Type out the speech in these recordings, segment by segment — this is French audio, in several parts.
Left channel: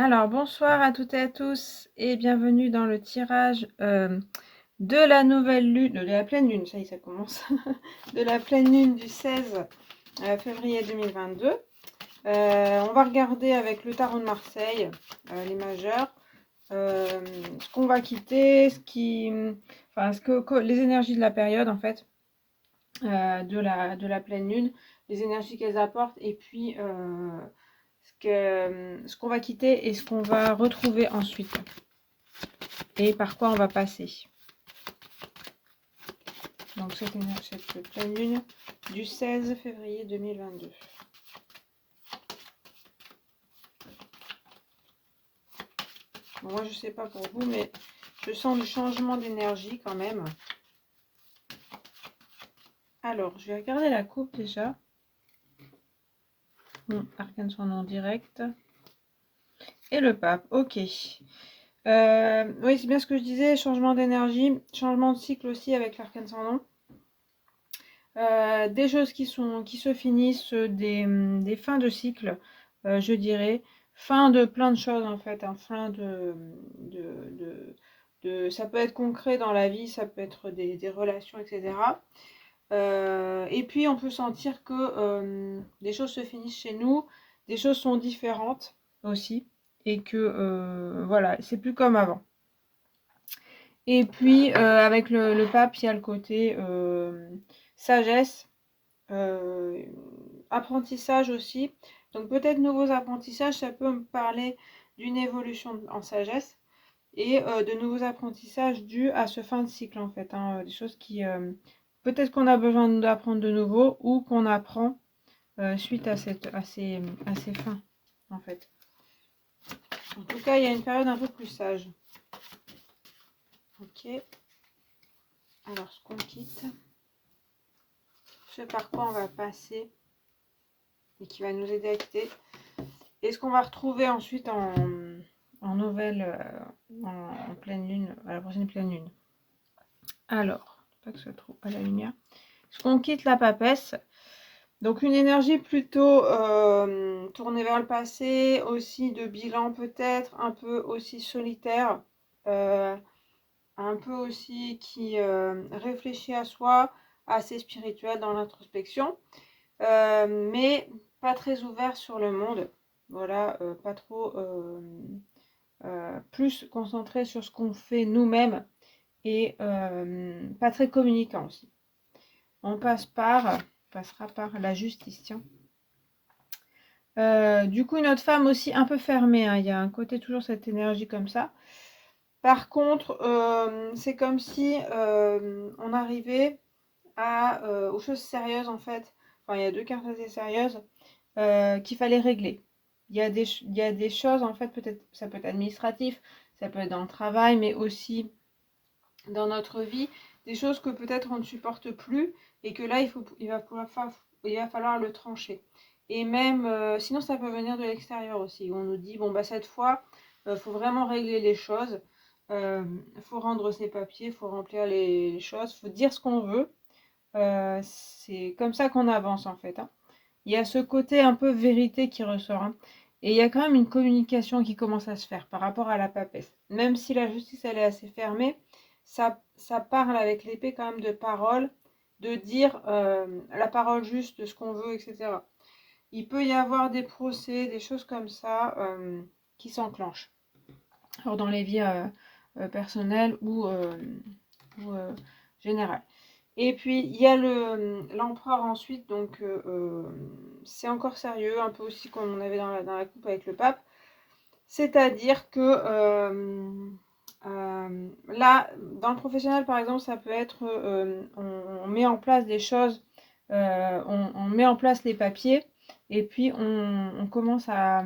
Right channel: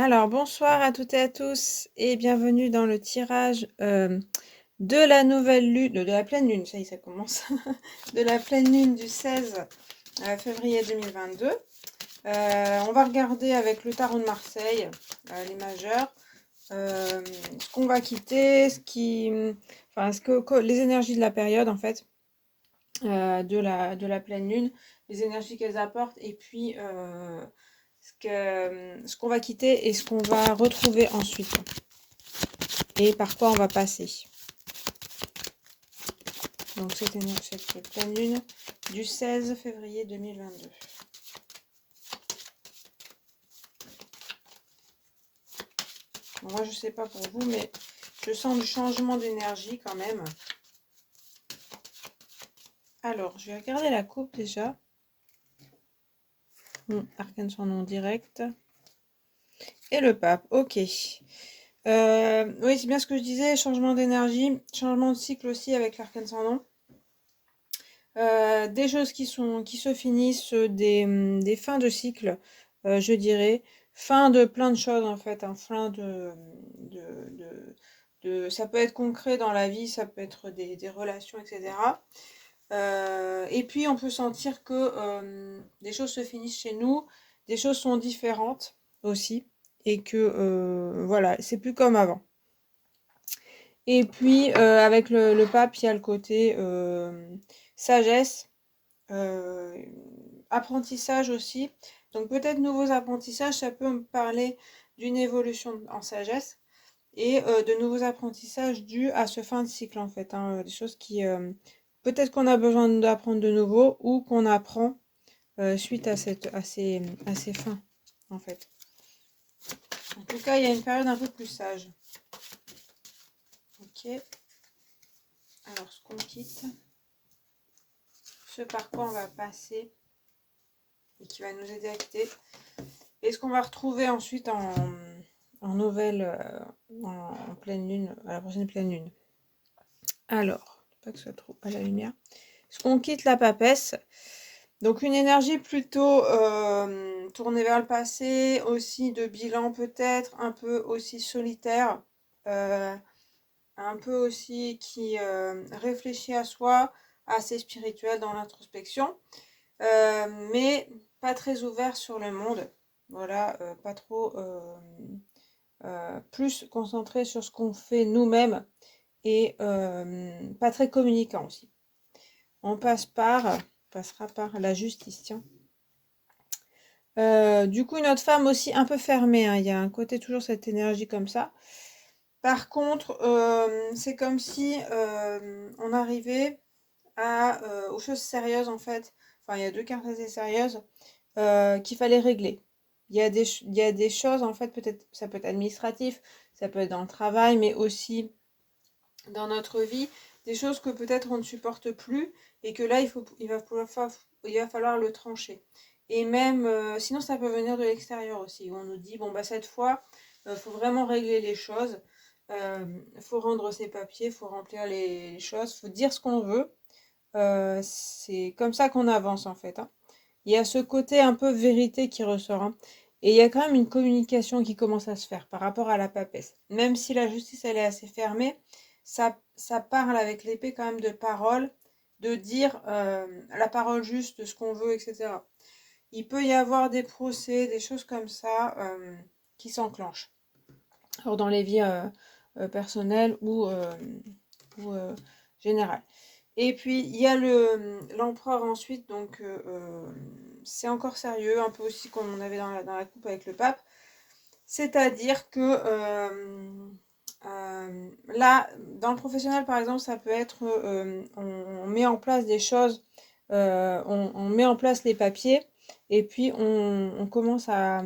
Alors, bonsoir à toutes et à tous et bienvenue dans le tirage de la nouvelle lune, de la pleine lune, ça y est, ça commence, de la pleine lune du 16 février 2022. On va regarder avec le tarot de Marseille, les majeurs, ce qu'on va quitter, les énergies de la période en fait, de la pleine lune, les énergies qu'elles apportent et puis ce qu'on va quitter et ce qu'on va retrouver ensuite et par quoi on va passer. Donc cette pleine lune du 16 février 2022. Bon, moi je sais pas pour vous, mais je sens du changement d'énergie quand même. Alors, je vais regarder la coupe déjà. Arcane son nom direct. Et le pape, ok. Oui, c'est bien ce que je disais, changement d'énergie, changement de cycle aussi avec l'arcane sans nom. Des choses qui se finissent, des fins de cycle, je dirais. Fin de plein de choses en fait, hein, fin ça peut être concret dans la vie, ça peut être des relations, etc. Et puis on peut sentir que des choses se finissent chez nous, des choses sont différentes aussi, et que voilà, c'est plus comme avant. Et puis avec le pape, il y a le côté sagesse, apprentissage aussi. Donc peut-être nouveaux apprentissages, ça peut me parler d'une évolution en sagesse et de nouveaux apprentissages dus à ce fin de cycle en fait, hein, des choses qui peut-être qu'on a besoin d'apprendre de nouveau ou qu'on apprend suite à ces fins en fait. En tout cas, il y a une période un peu plus sage. Ok. Alors, ce qu'on quitte, ce par quoi on va passer et qui va nous aider à quitter. Et ce qu'on va retrouver ensuite en nouvelle, en pleine lune, à la prochaine pleine lune. Alors, pas que ce soit trop à la lumière. Ce qu'on quitte la papesse. Donc une énergie plutôt tournée vers le passé, aussi de bilan peut-être, un peu aussi solitaire, un peu aussi qui réfléchit à soi, assez spirituel dans l'introspection, mais pas très ouvert sur le monde. Voilà, pas trop, plus concentré sur ce qu'on fait nous-mêmes et pas très communicant aussi. On passera par la justice, tiens. Du coup, notre femme aussi un peu fermée, hein. Il y a un côté toujours cette énergie comme ça. Par contre, c'est comme si on arrivait aux choses sérieuses en fait. Enfin, il y a deux cartes assez sérieuses qu'il fallait régler. Il y a des choses en fait, peut-être ça peut être administratif, ça peut être dans le travail, mais aussi dans notre vie, des choses que peut-être on ne supporte plus et que là il va falloir le trancher. Et même sinon ça peut venir de l'extérieur aussi. On nous dit bon bah cette fois faut vraiment régler les choses, faut rendre ses papiers, faut remplir les choses, faut dire ce qu'on veut. C'est comme ça qu'on avance en fait, hein. Il y a ce côté un peu vérité qui ressort, hein. Et il y a quand même une communication qui commence à se faire par rapport à la papesse. Même si la justice, elle est assez fermée, ça parle avec l'épée quand même de parole, de dire la parole juste de ce qu'on veut, etc. Il peut y avoir des procès, des choses comme ça qui s'enclenchent. Alors dans les vies personnelles ou générales. Et puis il y a l'empereur ensuite, donc c'est encore sérieux, un peu aussi comme on avait dans la coupe avec le pape. C'est-à-dire que là, dans le professionnel par exemple, ça peut être on met en place des choses, on met en place les papiers et puis on commence à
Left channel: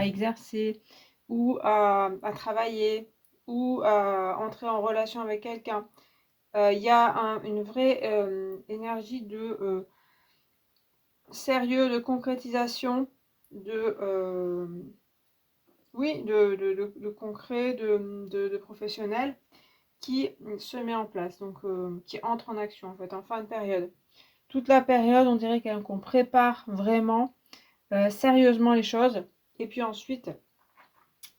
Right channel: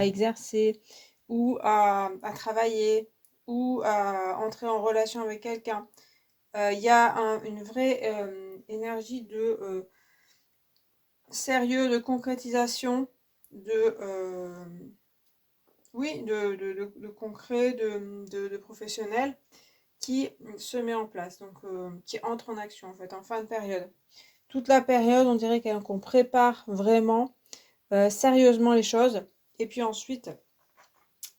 exercer ou à travailler ou à entrer en relation avec quelqu'un. Il y a une vraie énergie de sérieux, de concrétisation, oui, de concret, de professionnel qui se met en place, donc qui entre en action en fait en fin de période. Toute la période, on dirait qu'on prépare vraiment sérieusement les choses. Et puis ensuite,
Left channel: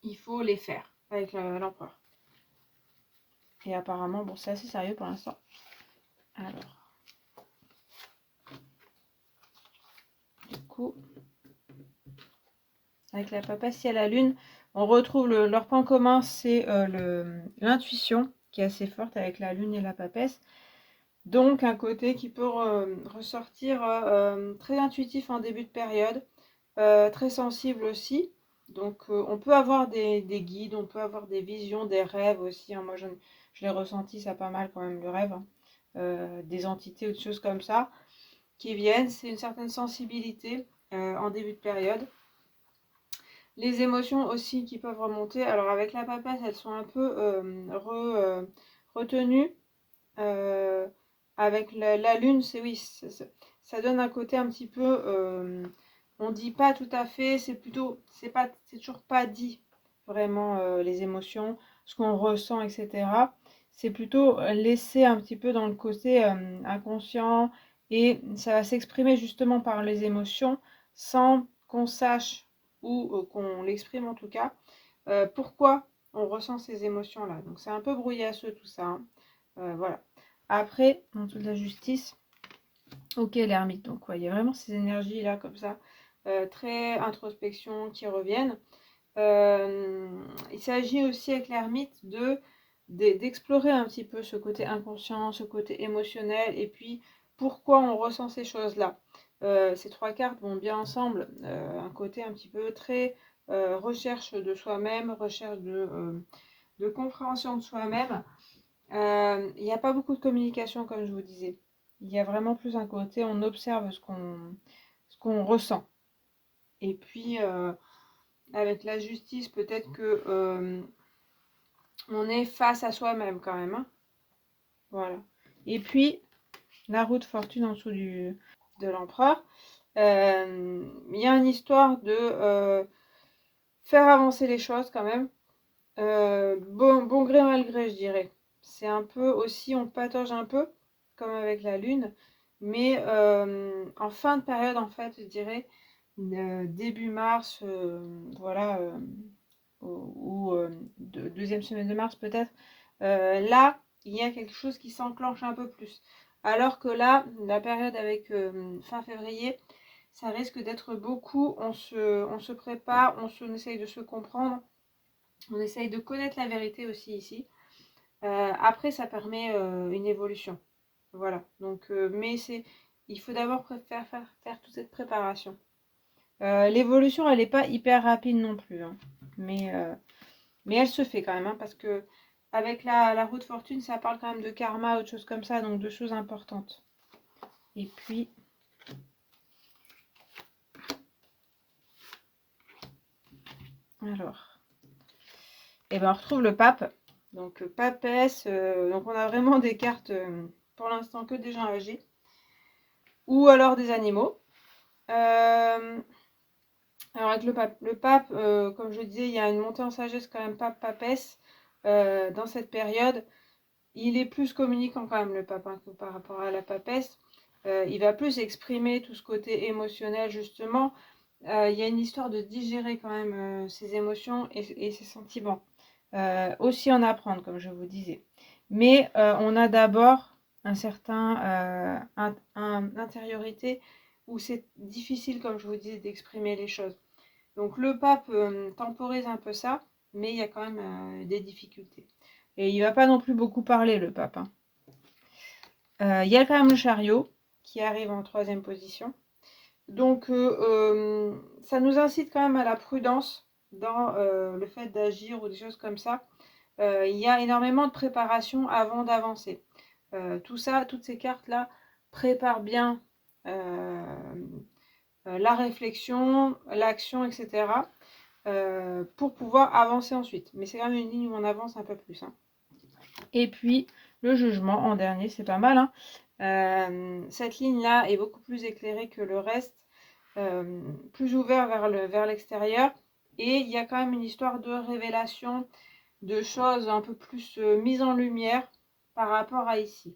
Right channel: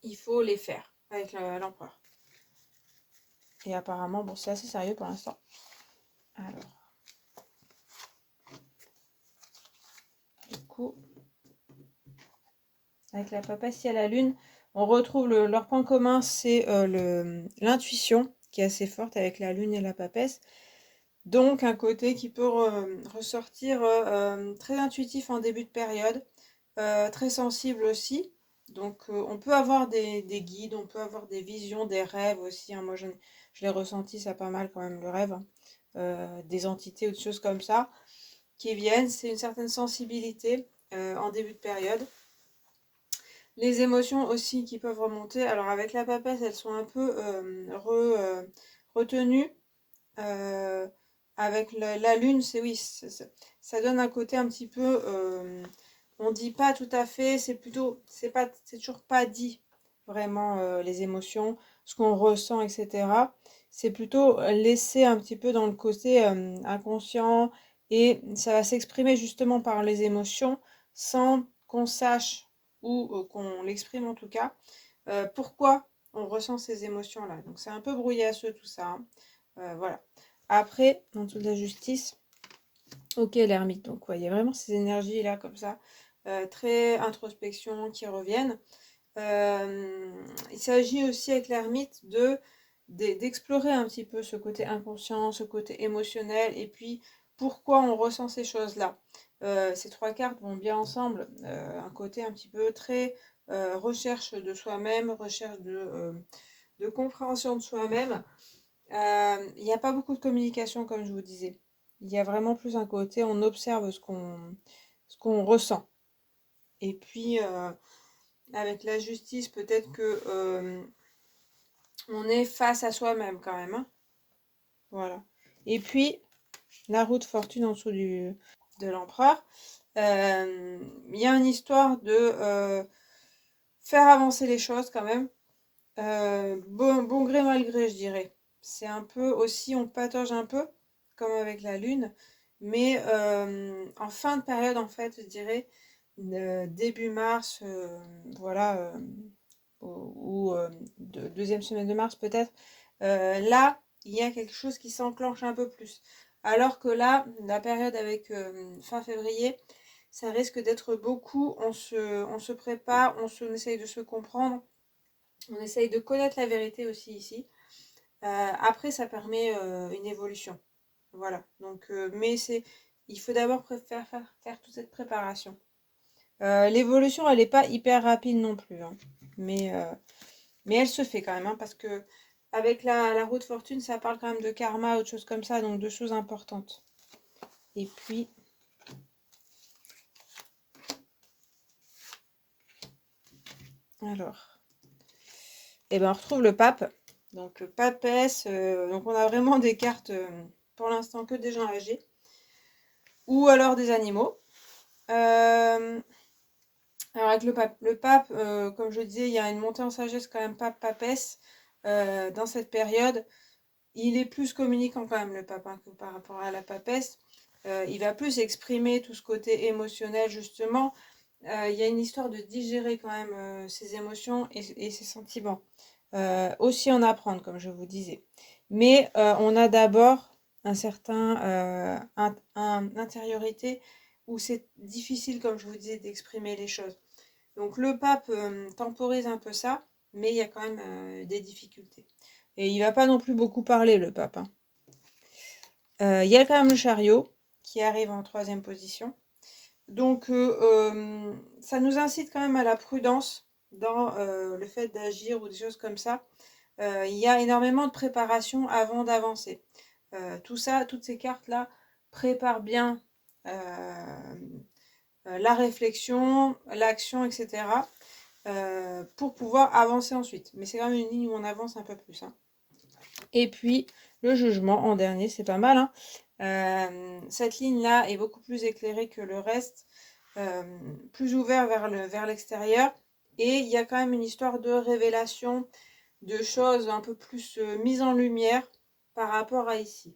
il faut les faire avec l'empereur. Et apparemment, bon, c'est assez sérieux pour l'instant. Alors, du coup, avec la papesse, il y a la lune. On retrouve leur point commun, c'est l'intuition qui est assez forte avec la lune et la papesse. Donc, un côté qui peut ressortir très intuitif en début de période, très sensible aussi. Donc, on peut avoir des guides, on peut avoir des visions, des rêves aussi, hein. Moi, je l'ai ressenti, ça pas mal quand même, le rêve, hein. Des entités ou des choses comme ça qui viennent. C'est une certaine sensibilité en début de période. Les émotions aussi qui peuvent remonter. Alors, avec la papesse, elles sont un peu retenues. Euh, avec la lune, c'est oui, ça donne un côté un petit peu, on dit pas tout à fait, c'est plutôt, c'est toujours pas dit vraiment les émotions, ce qu'on ressent, etc. C'est plutôt laissé un petit peu dans le côté inconscient et ça va s'exprimer justement par les émotions sans qu'on sache ou qu'on l'exprime en tout cas pourquoi on ressent ces émotions-là. Donc c'est un peu brouillasseux tout ça, hein. Voilà. Après, dans toute la justice, ok, l'ermite. Donc, ouais, il y a vraiment ces énergies-là, comme ça, très introspection qui reviennent. Il s'agit aussi avec l'ermite d'explorer un petit peu ce côté inconscient, ce côté émotionnel, et puis pourquoi on ressent ces choses-là. Ces trois cartes vont bien ensemble, un côté un petit peu très recherche de soi-même, recherche de compréhension de soi-même. Il n'y a pas beaucoup de communication, comme je vous disais. Il y a vraiment plus un côté, on observe ce qu'on ressent. Et puis, avec la justice, peut-être que on est face à soi-même quand même, hein. Voilà. Et puis, la roue de fortune en dessous de l'empereur. Il y a une histoire de faire avancer les choses quand même. Bon gré, mal gré, je dirais. C'est un peu aussi, on patauge un peu, comme avec la lune, mais en fin de période, en fait, je dirais, début mars, voilà, ou deuxième semaine de mars peut-être, là, il y a quelque chose qui s'enclenche un peu plus. Alors que là, la période avec fin février, ça risque d'être beaucoup, on se prépare, on essaye de se comprendre. On essaye de connaître la vérité aussi ici. Après, ça permet une évolution. Voilà. Donc, mais il faut d'abord faire toute cette préparation. L'évolution, elle n'est pas hyper rapide non plus, hein. Mais elle se fait quand même, hein, parce que avec la roue de fortune, ça parle quand même de karma, autre chose comme ça, donc de choses importantes. Et puis, alors, et ben on retrouve le pape. Donc, papesse, donc on a vraiment des cartes, pour l'instant, que des gens âgés. Ou alors des animaux. Alors avec le pape, comme je disais, il y a une montée en sagesse quand même pape-papesse dans cette période. Il est plus communicant quand même le pape, hein, que par rapport à la papesse. Il va plus exprimer tout ce côté émotionnel justement. Il y a une histoire de digérer quand même ses émotions et ses sentiments. Aussi en apprendre, comme je vous disais. Mais on a d'abord un certain intériorité où c'est difficile, comme je vous disais, d'exprimer les choses. Donc le pape temporise un peu ça, mais il y a quand même des difficultés. Et il va pas non plus beaucoup parler, le pape, hein. Il y a quand même le chariot qui arrive en troisième position. Donc ça nous incite quand même à la prudence dans le fait d'agir ou des choses comme ça. Il y a énormément de préparation avant d'avancer. Tout ça, toutes ces cartes-là préparent bien la réflexion, l'action, etc. Pour pouvoir avancer ensuite. Mais c'est quand même une ligne où on avance un peu plus, hein. Et puis, le jugement en dernier, c'est pas mal, hein. Cette ligne-là est beaucoup plus éclairée que le reste, plus ouvert vers l'extérieur. Et il y a quand même une histoire de révélation, de choses un peu plus mises en lumière par rapport à ici.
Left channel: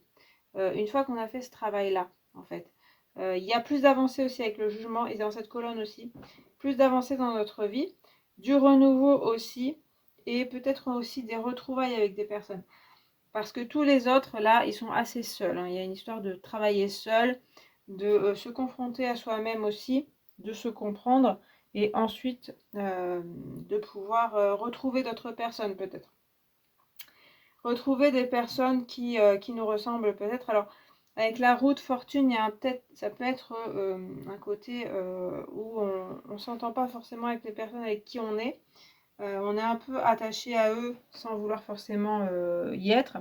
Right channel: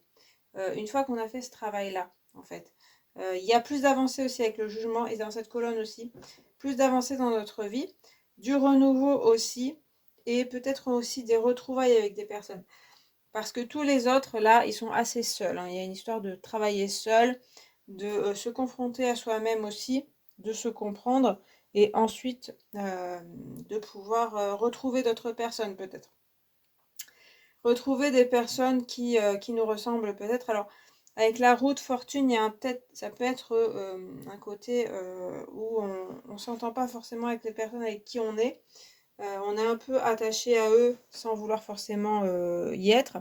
Une fois qu'on a fait ce travail-là, en fait. Il y a plus d'avancées aussi avec le jugement et dans cette colonne aussi. Plus d'avancées dans notre vie. du renouveau aussi, et peut-être aussi des retrouvailles avec des personnes. Parce que tous les autres, là, ils sont assez seuls, hein. Il y a une histoire de travailler seul, de se confronter à soi-même aussi, de se comprendre, et ensuite de pouvoir retrouver d'autres personnes peut-être. Retrouver des personnes qui nous ressemblent peut-être. Alors, avec la roue de fortune, il y a ça peut être un côté où on ne s'entend pas forcément avec les personnes avec qui on est. On est un peu attaché à eux sans vouloir forcément y être.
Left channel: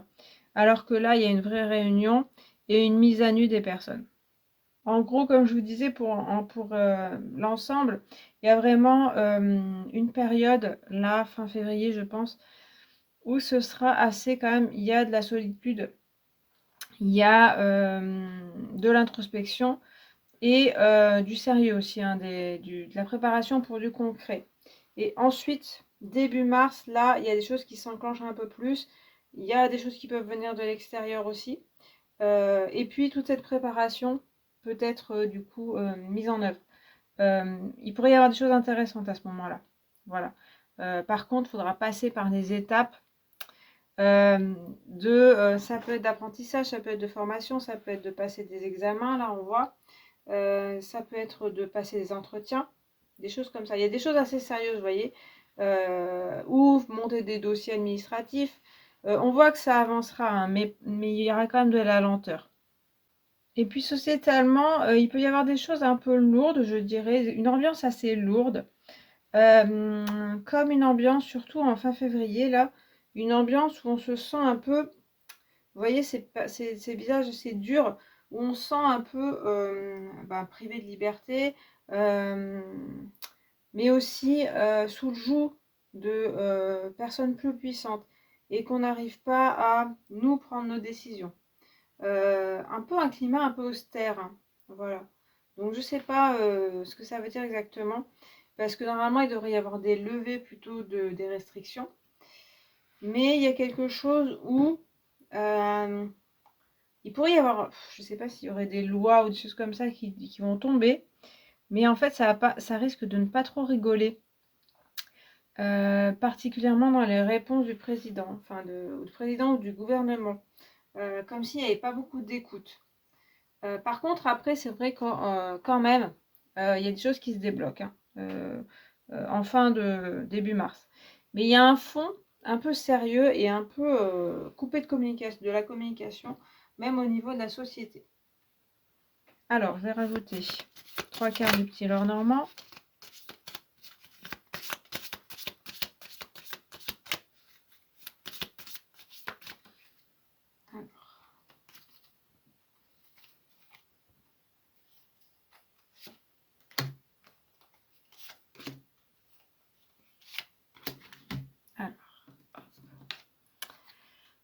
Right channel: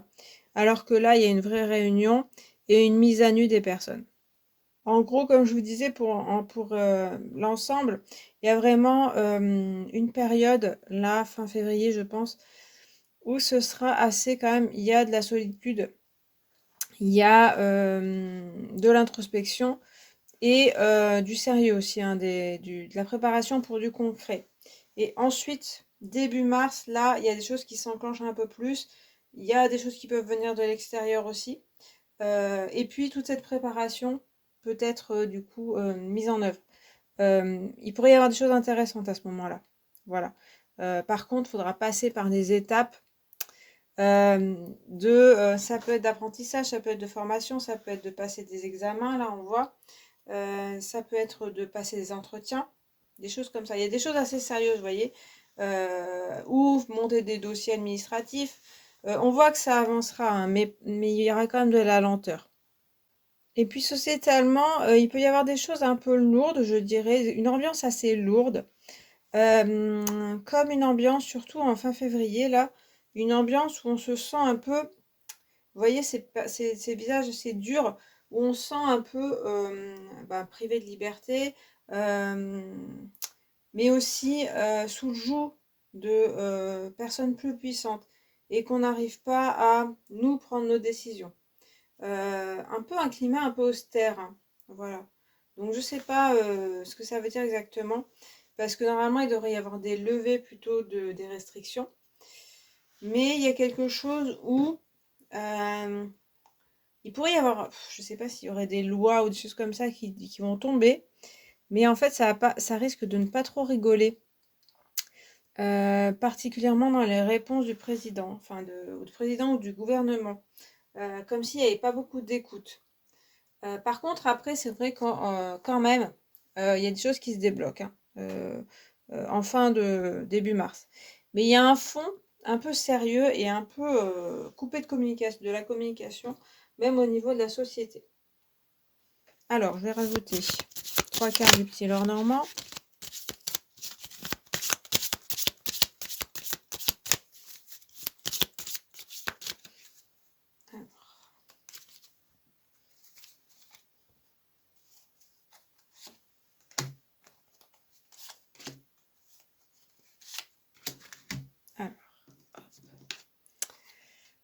Alors que là, il y a une vraie réunion et une mise à nu des personnes. En gros, comme je vous disais, pour l'ensemble, il y a vraiment une période, là, fin février, je pense, où ce sera assez quand même, il y a de la solitude, il y a de l'introspection et du sérieux aussi, hein, de la préparation pour du concret. Et ensuite, début mars, là, il y a des choses qui s'enclenchent un peu plus. Il y a des choses qui peuvent venir de l'extérieur aussi. Et puis, toute cette préparation peut être du coup mise en œuvre. Il pourrait y avoir des choses intéressantes à ce moment-là. Voilà. Par contre, il faudra passer par des étapes ça peut être d'apprentissage, ça peut être de formation, ça peut être de passer des examens, là on voit. Ça peut être de passer des entretiens, des choses comme ça. Il y a des choses assez sérieuses, vous voyez, ou monter des dossiers administratifs. On voit que ça avancera, hein, mais il y aura quand même de la lenteur. Et puis sociétalement, il peut y avoir des choses un peu lourdes, je dirais, une ambiance assez lourde. Comme une ambiance, surtout en fin février, là, une ambiance où on se sent un peu, vous voyez, ces visages, c'est dur, où on se sent un peu privé de liberté, mais aussi sous le joug de personnes plus puissantes et qu'on n'arrive pas à nous prendre nos décisions. Un peu un climat un peu austère, hein, voilà. Donc je sais pas ce que ça veut dire exactement, parce que normalement il devrait y avoir des levées plutôt des restrictions, mais il y a quelque chose où il pourrait y avoir, je sais pas s'il y aurait des lois ou des choses comme ça qui vont tomber, mais en fait ça risque de ne pas trop rigoler, particulièrement dans les réponses du président, enfin du président ou du gouvernement, comme s'il n'y avait pas beaucoup d'écoute. Par contre, après, c'est vrai quand même, il y a des choses qui se débloquent, hein, en fin de début mars. Mais il y a un fond un peu sérieux et un peu coupé de la communication, même au niveau de la société. Alors, je vais rajouter 3/4 du petit Lenormand. Alors,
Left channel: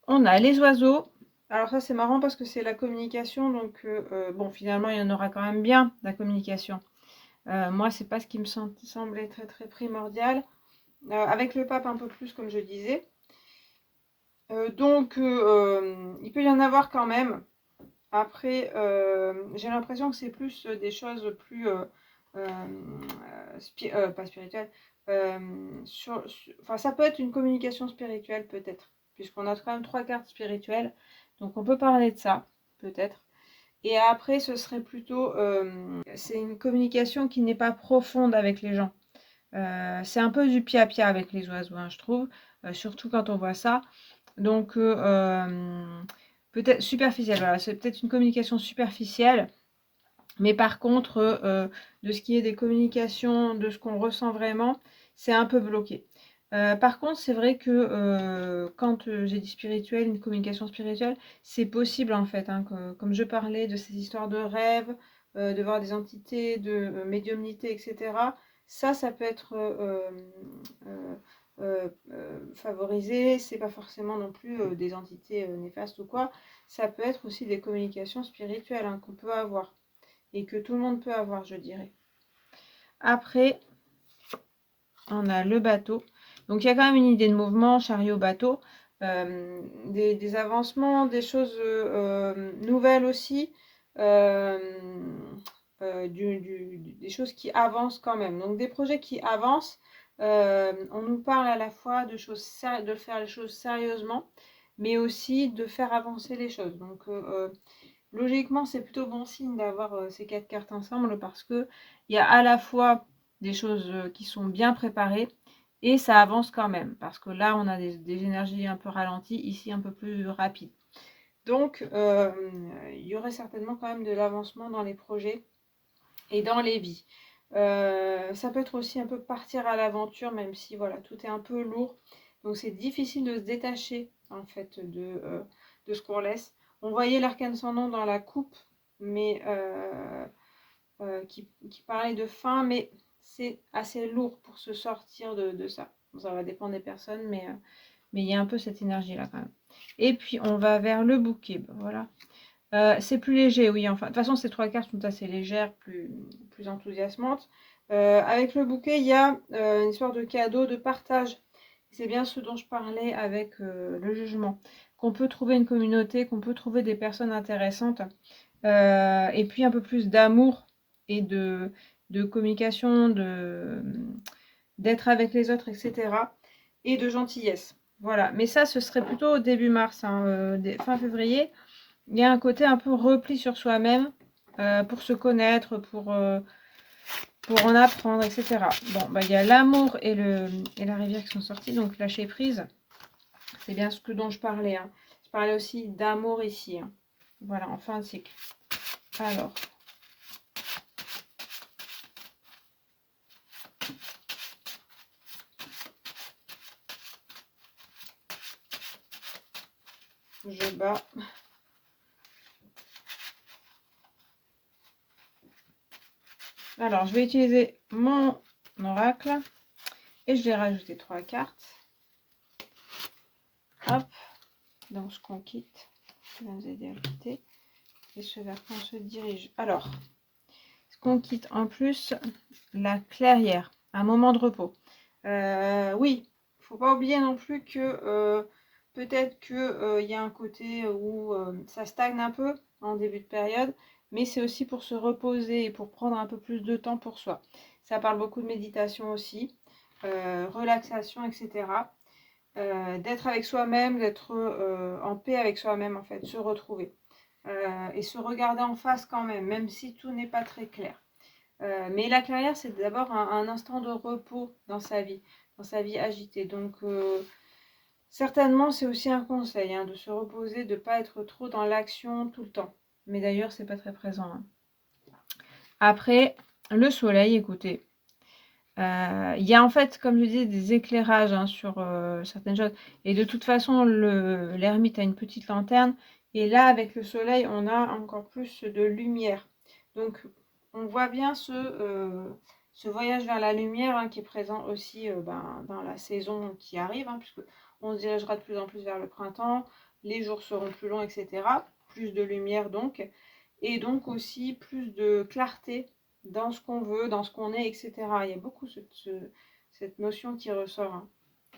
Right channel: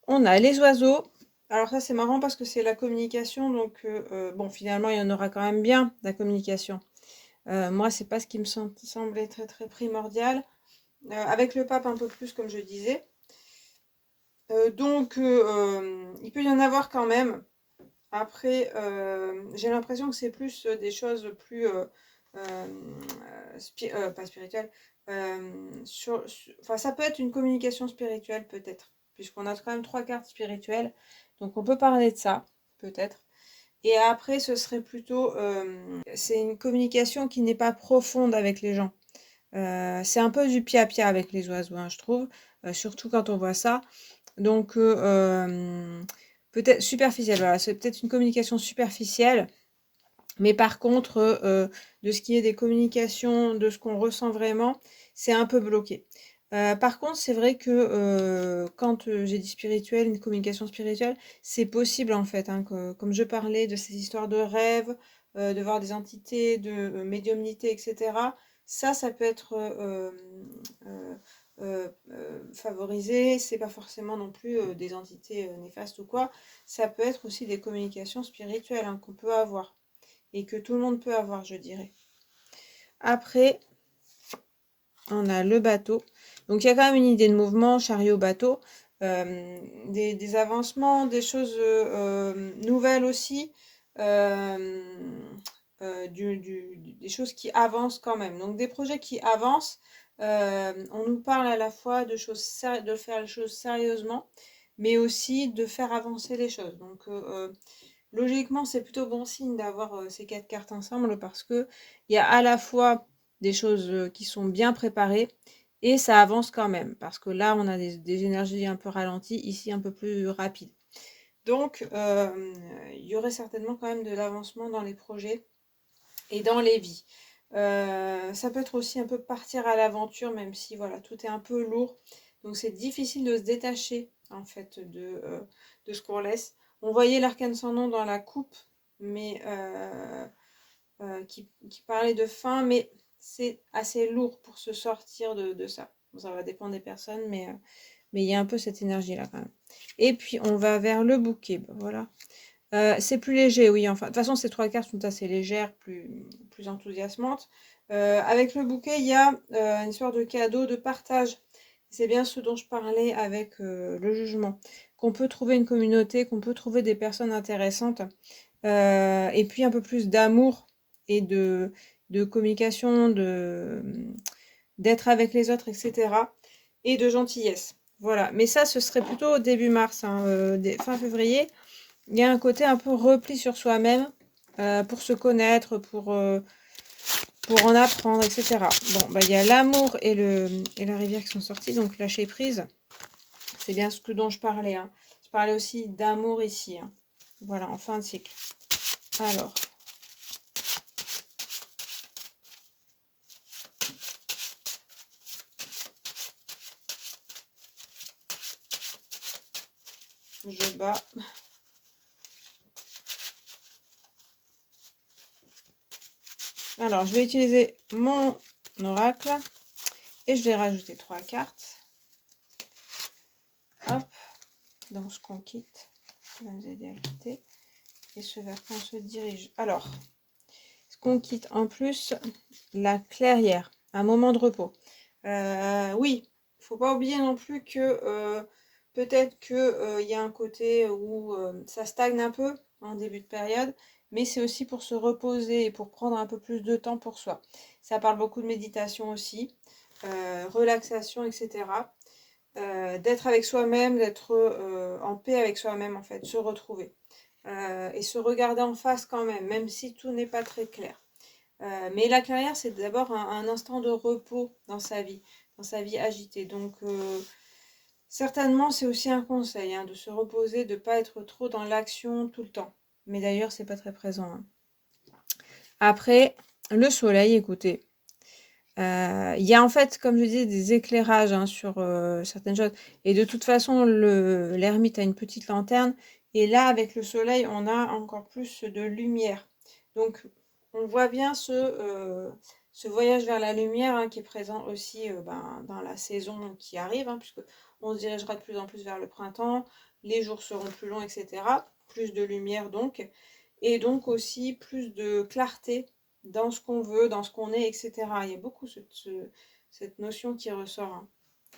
on a les oiseaux. Alors ça c'est marrant parce que c'est la communication, donc bon finalement il y en aura quand même bien de la communication. Moi c'est pas ce qui me semblait très très primordial. Avec le pape un peu plus comme je disais. Donc il peut y en avoir quand même. Après, j'ai l'impression que c'est plus des choses plus pas spirituelles. Enfin, ça peut être une communication spirituelle peut-être, puisqu'on a quand même 3 cartes spirituelles. Donc on peut parler de ça, peut-être. Et après, ce serait plutôt, c'est une communication qui n'est pas profonde avec les gens. C'est un peu du pia-pia avec les oiseaux, hein, je trouve, surtout quand on voit ça. Donc, peut-être superficielle, voilà, c'est peut-être une communication superficielle, mais par contre, de ce qui est des communications, de ce qu'on ressent vraiment, c'est un peu bloqué. Par contre, c'est vrai que quand j'ai dit spirituel, une communication spirituelle, c'est possible en fait, hein, comme je parlais de ces histoires de rêves, de voir des entités, de médiumnité, etc. Ça peut être favorisé. C'est pas forcément non plus des entités néfastes ou quoi. Ça peut être aussi des communications spirituelles, hein, qu'on peut avoir et que tout le monde peut avoir, je dirais. Après, on a le bateau. Donc il y a quand même une idée de mouvement, chariot, bateau, des avancements, des choses nouvelles aussi, des choses qui avancent quand même. Donc des projets qui avancent, on nous parle à la fois de faire les choses sérieusement, mais aussi de faire avancer les choses. Donc, logiquement, c'est plutôt bon signe d'avoir ces 4 cartes ensemble parce qu'il y a à la fois des choses qui sont bien préparées et ça avance quand même. Parce que là, on a des énergies un peu ralenties, ici un peu plus rapides. Donc, il y aurait certainement quand même de l'avancement dans les projets et dans les vies. Ça peut être aussi un peu partir à l'aventure, même si voilà, tout est un peu lourd. Donc c'est difficile de se détacher en fait de ce qu'on laisse. On voyait l'arcane sans nom dans la coupe, mais qui parlait de fin, mais c'est assez lourd pour se sortir de ça. Ça va dépendre des personnes, mais il y a un peu cette énergie-là quand même. Et puis on va vers le bouquet. Ben, voilà. C'est plus léger, oui. Enfin, de toute façon, ces 3 cartes sont assez légères, plus enthousiasmantes. Avec le bouquet, il y a une histoire de cadeau, de partage. C'est bien ce dont je parlais avec le jugement. Qu'on peut trouver une communauté, qu'on peut trouver des personnes intéressantes. Et puis un peu plus d'amour et de communication, d'être avec les autres, etc. Et de gentillesse. Voilà. Mais ça, ce serait plutôt début mars, hein, fin février. Il y a un côté un peu repli sur soi-même pour se connaître, pour en apprendre, etc. Bon, bah, il y a l'amour et la rivière qui sont sortis, donc lâcher prise. C'est bien ce dont je parlais. Hein. Je parlais aussi d'amour ici. Hein. Voilà, en fin de cycle. Alors. Je bats. Alors, je vais utiliser mon oracle et je vais rajouter 3 cartes. Hop, dans ce qu'on quitte, qui va nous aider à quitter. Et ce vers quoi on se dirige. Alors, ce qu'on quitte en plus, la clairière, un moment de repos. Oui, il ne faut pas oublier non plus que peut-être qu'il y a un côté où ça stagne un peu en début de période, mais c'est aussi pour se reposer et pour prendre un peu plus de temps pour soi. Ça parle beaucoup de méditation aussi, relaxation, etc. D'être avec soi-même, d'être en paix avec soi-même en fait, se retrouver. Et se regarder en face quand même, même si tout n'est pas très clair. Mais la carrière, c'est d'abord un instant de repos dans sa vie agitée. Donc, certainement, c'est aussi un conseil hein, de se reposer, de ne pas être trop dans l'action tout le temps. Mais d'ailleurs, c'est pas très présent. Hein. Après, le soleil, écoutez. Il y a en fait, comme je disais, des éclairages hein, sur certaines choses. Et de toute façon, l'ermite a une petite lanterne. Et là, avec le soleil, on a encore plus de lumière. Donc, on voit bien ce voyage vers la lumière hein, qui est présent aussi dans la saison qui arrive, hein, puisque on se dirigera de plus en plus vers le printemps, les jours seront plus longs, etc. Plus de lumière donc, et donc aussi plus de clarté dans ce qu'on veut, dans ce qu'on est, etc. Il y a beaucoup cette notion qui ressort. Hein.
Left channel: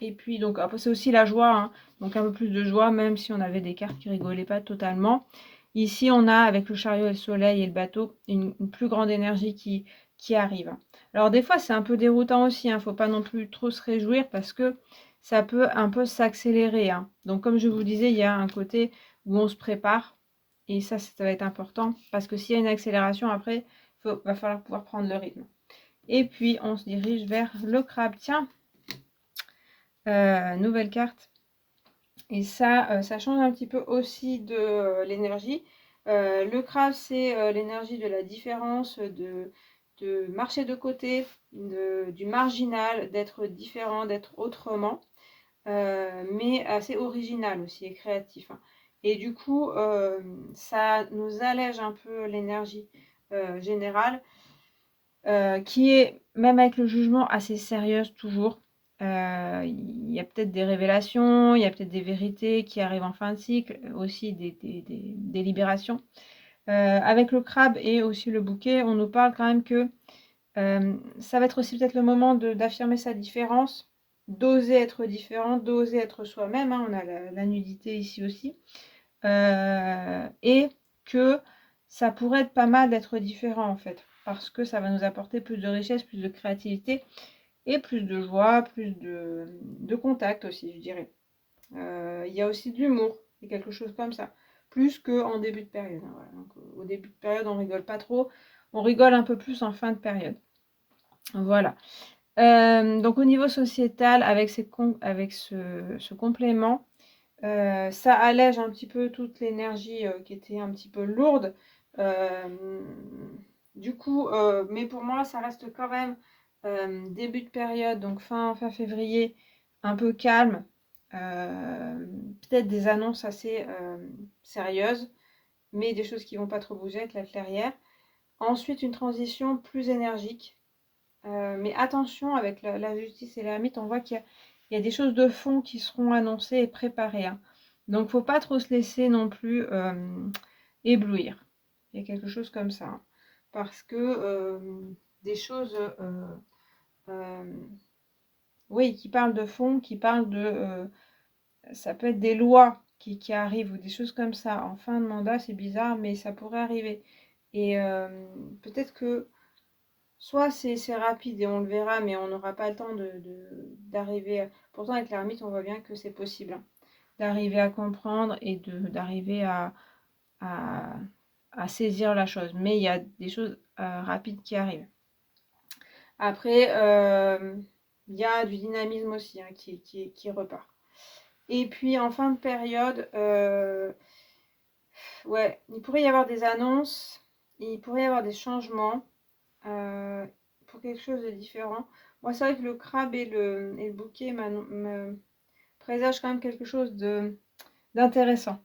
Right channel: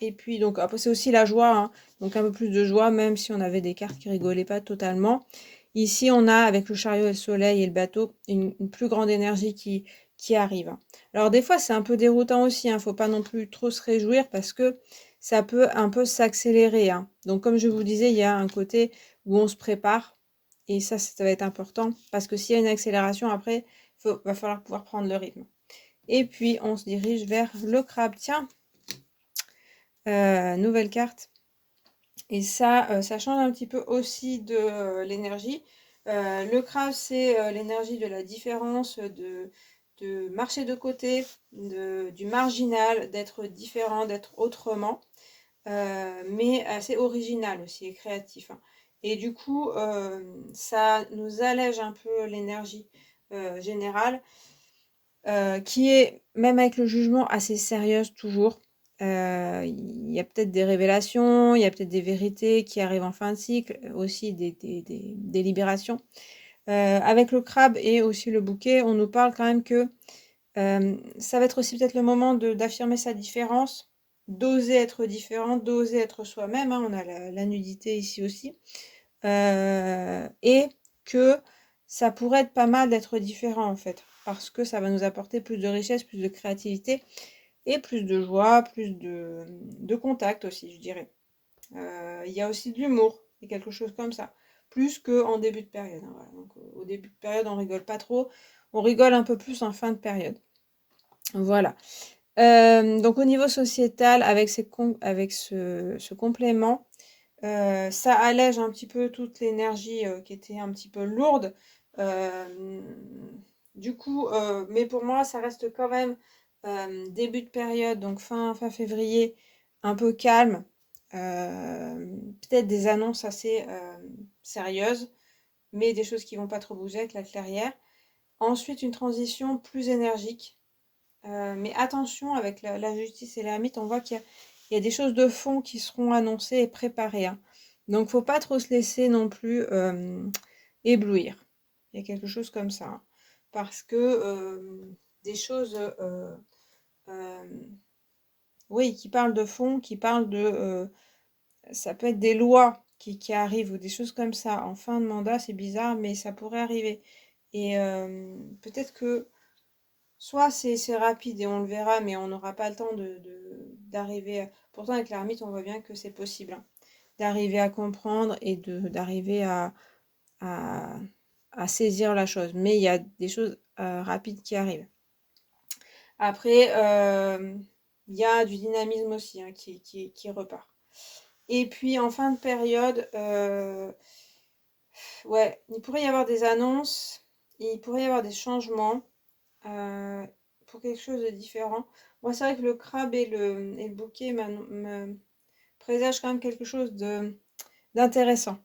Et puis, donc, après, c'est aussi la joie. Hein. Donc, un peu plus de joie, même si on avait des cartes qui rigolaient pas totalement. Ici, on a, avec le chariot et le soleil et le bateau, une plus grande énergie qui arrive. Alors, des fois, c'est un peu déroutant aussi. Il ne faut pas non plus trop se réjouir parce que ça peut un peu s'accélérer. Hein. Donc, comme je vous disais, il y a un côté où on se prépare. Et ça va être important parce que s'il y a une accélération, après, va falloir pouvoir prendre le rythme. Et puis, on se dirige vers le crabe. Tiens, nouvelle carte. Et ça change un petit peu aussi de l'énergie. Le crabe, c'est l'énergie de la différence, de marcher de côté, du marginal, d'être différent, d'être autrement. Mais assez original aussi et créatif. Hein. Et du coup, ça nous allège un peu l'énergie générale. Qui est, même avec le jugement, assez sérieuse toujours. Il y a peut-être des révélations, il y a peut-être des vérités qui arrivent en fin de cycle, aussi des libérations. Avec le crabe et aussi le bouquet, on nous parle quand même que ça va être aussi peut-être le moment d'affirmer sa différence, d'oser être différent, d'oser être soi-même. Hein, on a la nudité ici aussi. Et que ça pourrait être pas mal d'être différent en fait, parce que ça va nous apporter plus de richesse, plus de créativité. et plus de joie, plus de contact aussi, je dirais. Il y a aussi de l'humour, c'est quelque chose comme ça, plus qu'en début de période, hein, voilà. Donc, au début de période, on rigole pas trop, on rigole un peu plus en fin de période. Voilà. Donc au niveau sociétal, avec ce complément, ça allège un petit peu toute l'énergie qui était un petit peu lourde. Du coup, mais pour moi, ça reste quand même début de période, donc fin février, un peu calme. Peut-être des annonces assez sérieuses, mais des choses qui vont pas trop bouger avec la clairière. Ensuite, une transition plus énergique. Mais attention, avec la justice et l'ermite, on voit qu'il y a des choses de fond qui seront annoncées et préparées, hein. Donc, faut pas trop se laisser non plus éblouir. Il y a quelque chose comme ça, hein. Parce que des choses, euh, oui, qui parlent de fond, qui parlent ça peut être des lois qui arrivent ou des choses comme ça. En fin de mandat, c'est bizarre, mais ça pourrait arriver. Et peut-être que soit c'est rapide et on le verra, mais on n'aura pas le temps d'arriver. Pourtant, avec l'ermite, on voit bien que c'est possible, hein, d'arriver à comprendre et d'arriver à, à saisir la chose. Mais il y a des choses rapides qui arrivent. Après, il y a du dynamisme aussi, hein, qui repart. Et puis en fin de période, ouais, il pourrait y avoir des annonces, il pourrait y avoir des changements. Pour quelque chose de différent. Moi, c'est vrai que le crabe et le bouquet me présagent quand même quelque chose d'intéressant.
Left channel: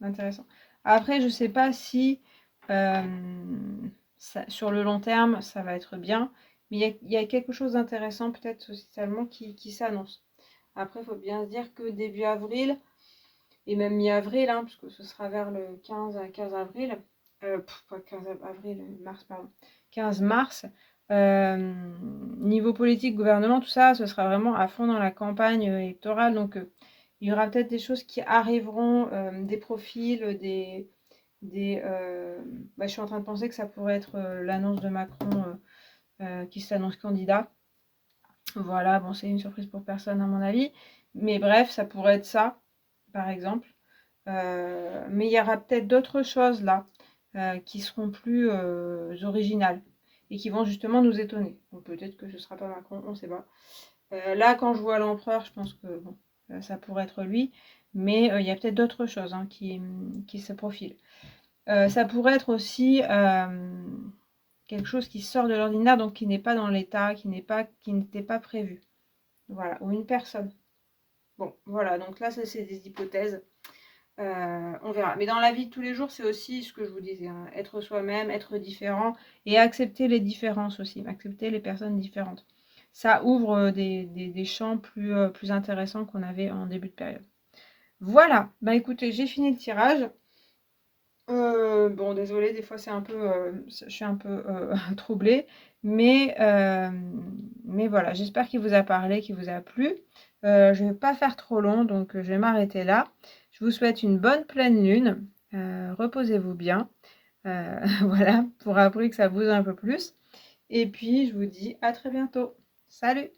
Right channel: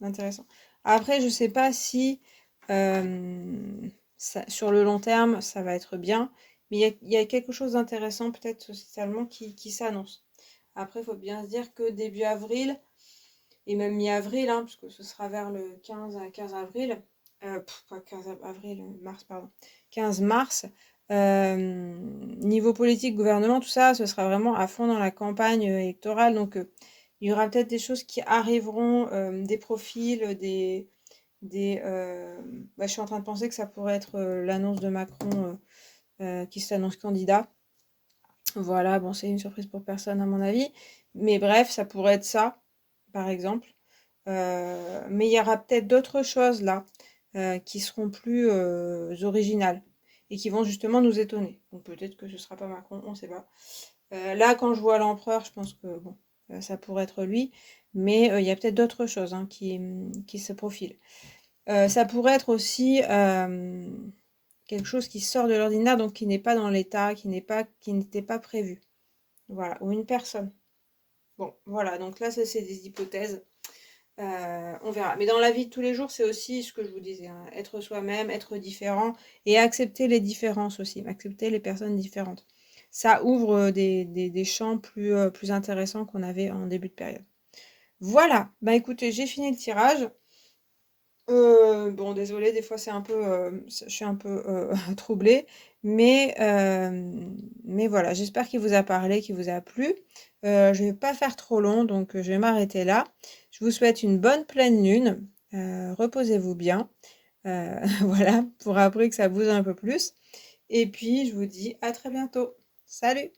D'intéressant. Après, je sais pas si sur le long terme, ça va être bien, mais il y a quelque chose d'intéressant peut-être socialement qui s'annonce. Après, il faut bien se dire que début avril, et même mi-avril, hein, puisque ce sera vers le 15 avril, pas 15 avril, mars, pardon, 15 mars, niveau politique, gouvernement, tout ça, ce sera vraiment à fond dans la campagne électorale. Donc, il y aura peut-être des choses qui arriveront, des profils, bah, je suis en train de penser que ça pourrait être l'annonce de Macron qui s'annonce candidat. Voilà, bon, c'est une surprise pour personne à mon avis. Mais bref, ça pourrait être ça, par exemple. Mais il y aura peut-être d'autres choses là qui seront plus originales et qui vont justement nous étonner. Donc peut-être que ce sera pas Macron, on ne sait pas. Là, quand je vois l'empereur, je pense que bon, ça pourrait être lui, mais il y a peut-être d'autres choses, hein, qui se profilent. Ça pourrait être aussi quelque chose qui sort de l'ordinaire, donc qui n'est pas dans l'état, qui n'était pas prévu. Voilà, ou une personne. Bon, voilà, donc là, ça c'est des hypothèses. On verra. Mais dans la vie de tous les jours, c'est aussi ce que je vous disais, hein, être soi-même, être différent et accepter les différences aussi, accepter les personnes différentes. Ça ouvre des champs plus intéressants qu'on avait en début de période. Voilà, bah écoutez, j'ai fini le tirage. Bon, désolée, des fois c'est un peu, je suis un peu troublée, mais voilà, j'espère qu'il vous a parlé, qu'il vous a plu. Je vais pas faire trop long, donc je vais m'arrêter là. Je vous souhaite une bonne pleine lune. Reposez-vous bien. Voilà, pour après que ça bouge un peu plus. Et puis, je vous dis à très bientôt. Salut!